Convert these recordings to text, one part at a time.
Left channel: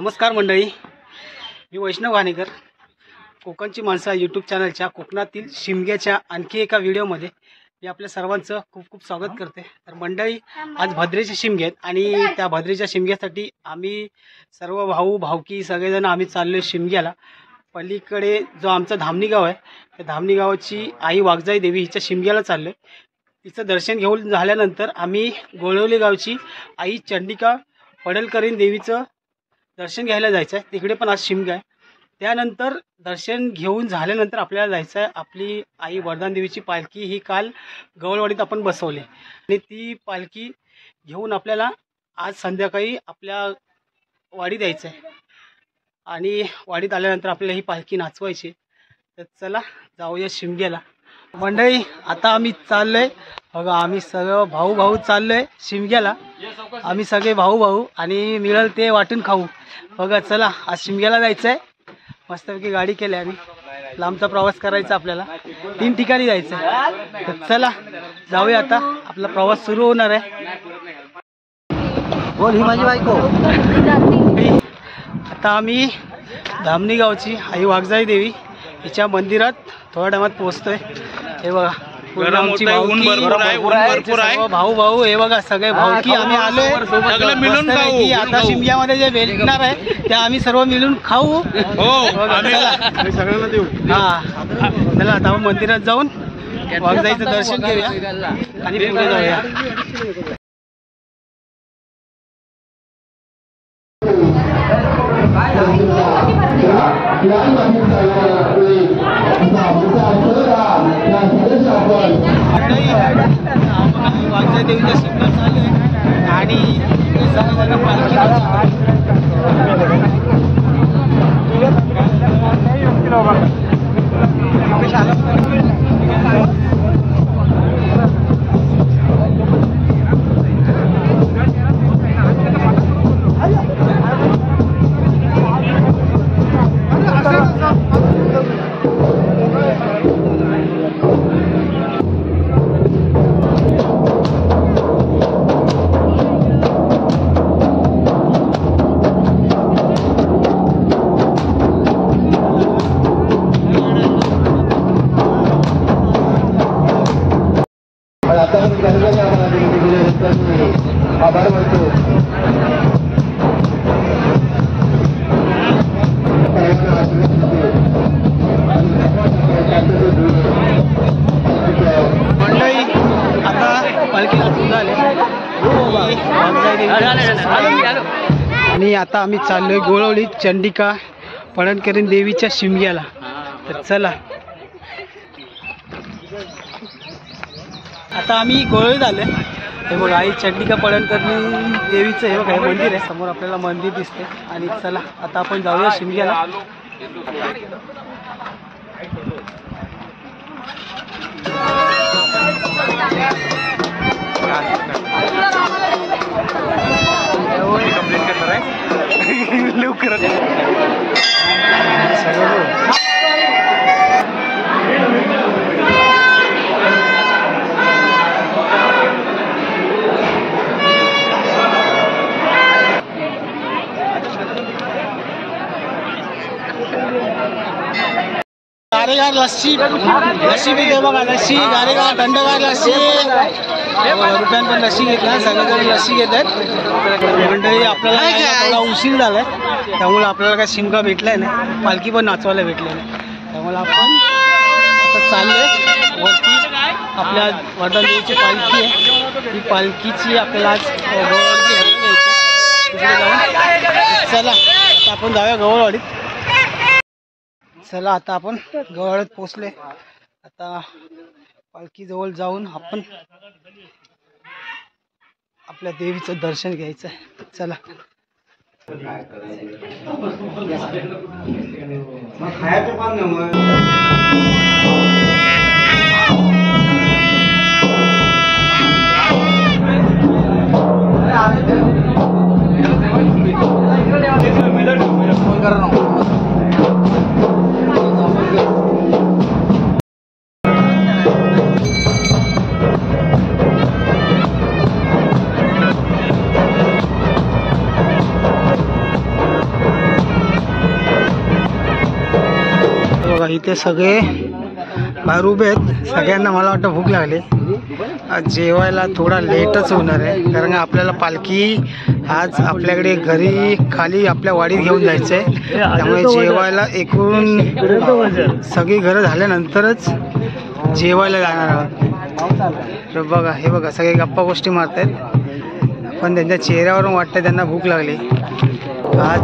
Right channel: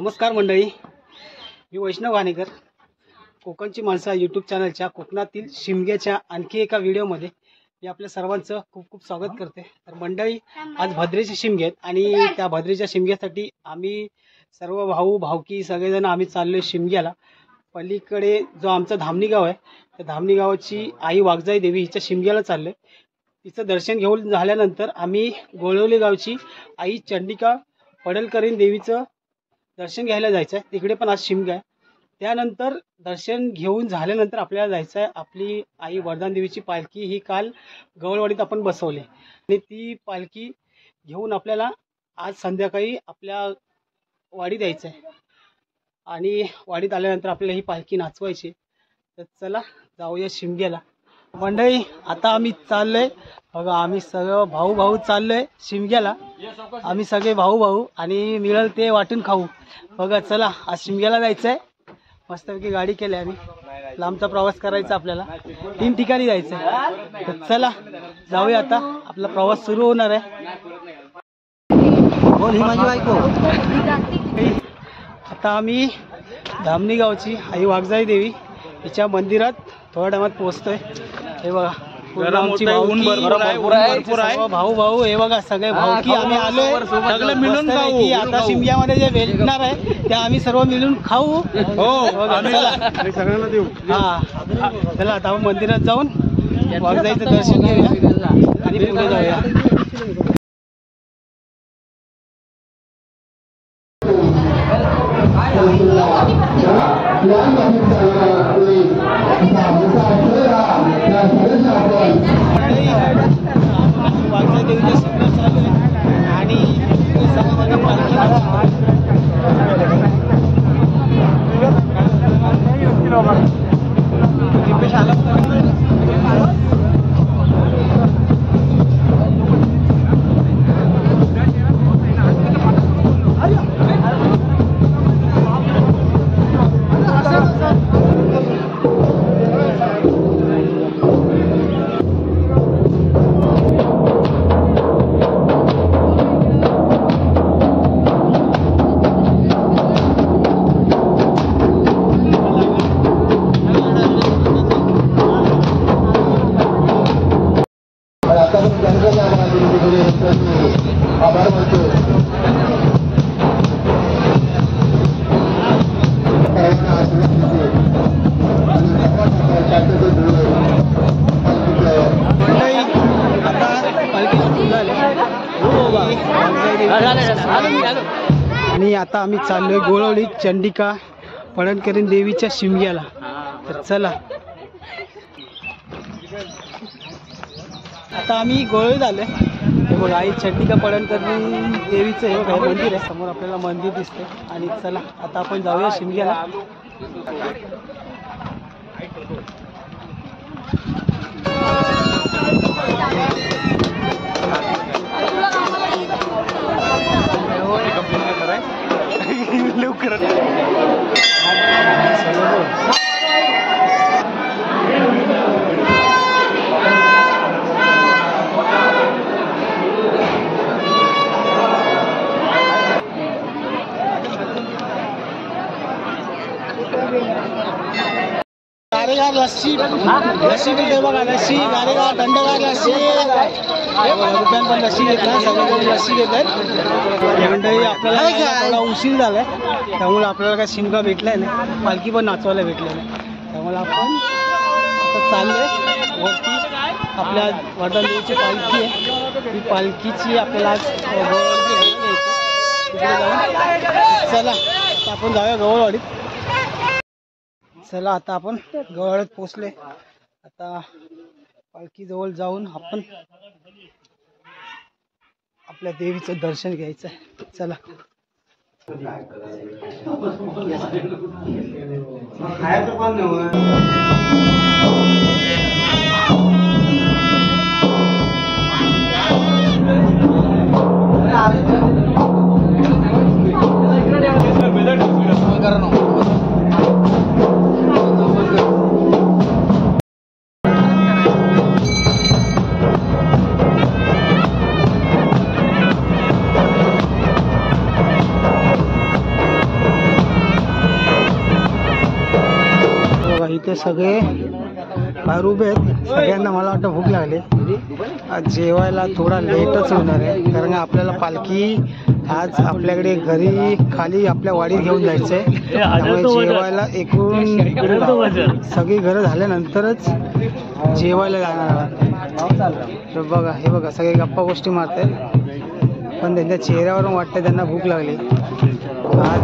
नमस्कार मंडळी, मी वैष्णव वाणेकर, कोकणची माणसं यूट्यूब चॅनलच्या कोकणातील शिमग्याच्या आणखी एका व्हिडिओमध्ये मी आपल्या सर्वांचं खूप खूप स्वागत करते। तर मंडळी, आज भद्रेचे शिमगे आहेत आणि त्या भद्रेच्या शिमग्यासाठी आम्ही सर्व भाऊ भावकी सगळेजण आम्ही चाललो शिमग्याला। पलीकडे जो आमचा धामणी गाव आहे, त्या धामणी गावाची आई वाघजाई देवी हिच्या शिमग्याला चाललो। तिचं दर्शन घेऊन झाल्यानंतर आम्ही गोळवली गावची आई चंडिका पडळकरीण देवीचं दर्शन घ्यायला जायचं आहे। तिकडे पण आज शिमगा आहे। त्यानंतर दर्शन घेऊन झाल्यानंतर आपल्याला जायचं आहे, आपली आई वरदान देवीची पालखी ही काल गवळवाडीत आपण बसवली आणि ती पालखी घेऊन आपल्याला आज संध्याकाळी आपल्या वाडीत यायचं आहे आणि वाडीत आल्यानंतर आपल्याला ही पालखी नाचवायची। तर चला जाऊया शिमग्याला। मंडळी, आता आम्ही चाललोय बघा, आम्ही सगळं भाऊ भाऊ चाललोय शिमग्याला। आम्ही सगळे भाऊ भाऊ आणि मिळेल ते वाटून खाऊ बघा। चला, आज शिमग्याला जायचं आहे, मस्तपैकी गाडी केली आणि लांबचा प्रवास करायचा, आपल्याला 3 ठिकाणी जायचं आहे। तर चला जाऊया, आता आपला प्रवास सुरू होणार आहे। बोल ही माझी बायको। आता आम्ही धामणी गावची आई वाघजाई देवी हिच्या मंदिरात थोड्या टायमात पोहोचतोय। हे बघा, भाऊ भाऊ हे बघा, सगळे भाऊकी आम्ही आलोय, सगळे मिळून खाऊ। आता शिमग्यामध्ये जे भेटणार आहे ते आम्ही सर्व मिळून खाऊ। सगळ्यांना देऊ। हा, चला आता आपण मंदिरात जाऊन वाघजाईचं दर्शन घेऊया आणि पुढे जाऊया। वाघजाई देवीच्या शिमग्यात चालू आहे आणि सगळेजण पालखी आणि आता आम्ही चाललोय गोळवली चंडिका पडळकरीण देवीच्या शिमग्याला। तर चला, आता आम्ही गोळवलीत आलोय। हे बघा, आई चंडिका पडळकरीण देवीचं हे बघा मंदिर आहे, समोर आपल्याला मंदिर दिसते। आणि चला आता आपण जाऊया शिमग्याला। लवकर गारेगार लस्सी देते बघा, लस्सी गारेगार थंडगार लस्सी। रुपयान पण लस्सी घेतला, सगळेजण लस्सी घेतात। मंडळी, आपल्याला थोडा उशीर झालाय, त्यामुळे आपल्याला काय शिमगा भेटलाय नाही, पालखी पण नाचवायला भेटले नाही, त्यामुळे आपण आता चाललोय वरती। आपल्या वरदान देवीची पालखी आहे, ही पालखीची आपल्याला आज गवळवाडीत जाऊन। चला आता आपण जाऊया गवळवाडीत। चला आता आपण गवळवाडीत पोहोचले। आता पालखी जवळ जाऊन आपण आपल्या देवीचं दर्शन घ्यायचं आहे। चला, इथे सगळे बाहेर उभे आहेत. सगळ्यांना मला वाटतं भूक लागली. आज जेवायला थोडा लेटच होणार आहे, कारण आपल्याला पालखी आज आपल्याकडे घरी खाली आपल्या वाडीत घेऊन जायचं आहे. त्यामुळे जेवायला एकूण सगळी घरं झाल्यानंतरच जेवायला जाणार आहोत. तर बघा, हे बघा सगळे गप्पा गोष्टी मारत आहेत, पण त्यांच्या चेहऱ्यावरून वाटतं त्यांना भूक लागली. आज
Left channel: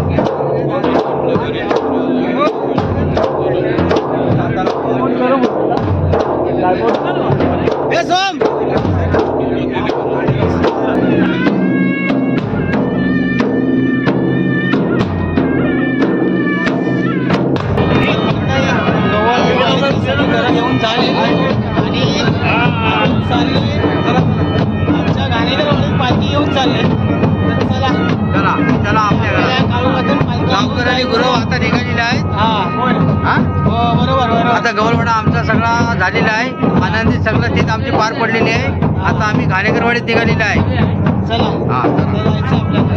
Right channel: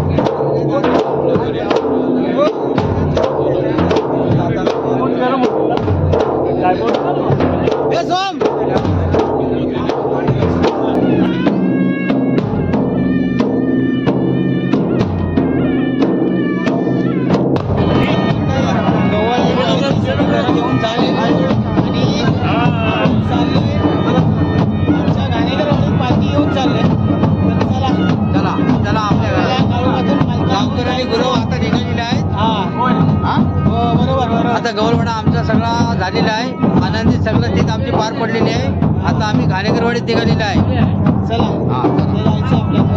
आता गवळवाडा आमचा सगळा झालेला आहे. आनंदी सगळं तीच आमची पार पडलेली आहे. आता आम्ही घाणेकरवाडीत निघालेला आहे. चला जायचं आपल्याला.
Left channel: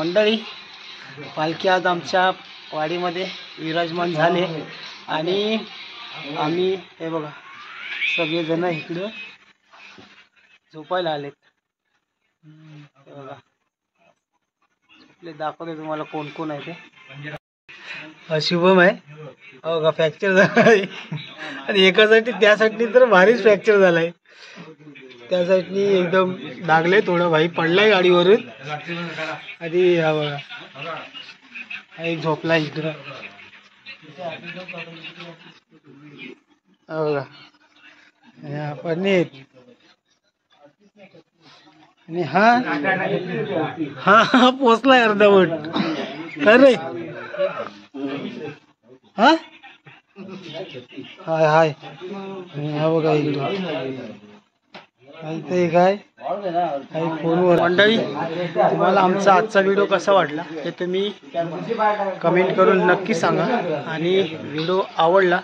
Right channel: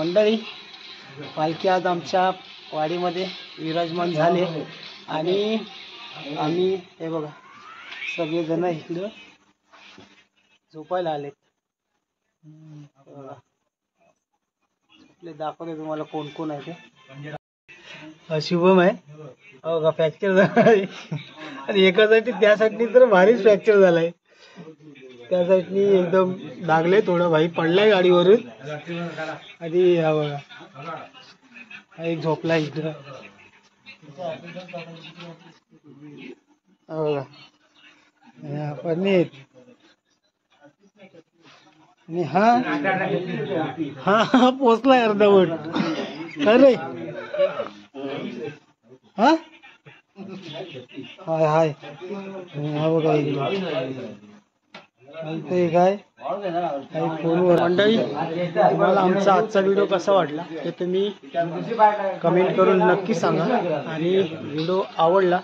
मंडळी, पालखी आज आमच्या वाडीमध्ये विराजमान झाले आणि आम्ही हे बघा सगळेजण इकडं झोपायला आलेत. हे बघा आपले दाखवते तुम्हाला कोण कोण आहे ते. हा शुभम आहे. हो का, फ्रॅक्चर झाला आहे आणि एका साईडनी त्या साईडनी तर भारीच फ्रॅक्चर झालाय. त्या साईडनी एकदम लागले, थोडं भाई पडलाय गाडीवरून. आणि हा बघा हा एक झोपला इकडं. हा बघा पण आणि हा पोचलाय अर्धवट. अरे हा हाय हाय हा बघा इकडे इथे काय फोनवर. मंडळी, तुम्हाला आमचा आजचा व्हिडिओ कसा वाटला ते तुम्ही कमेंट करून नक्की सांगा. आणि व्हिडिओ आवडला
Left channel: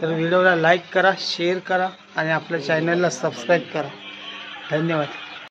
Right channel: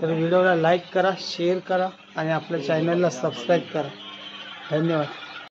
तर व्हिडिओला लाईक करा, शेअर करा आणि आपल्या चॅनलला सबस्क्राईब करा. धन्यवाद.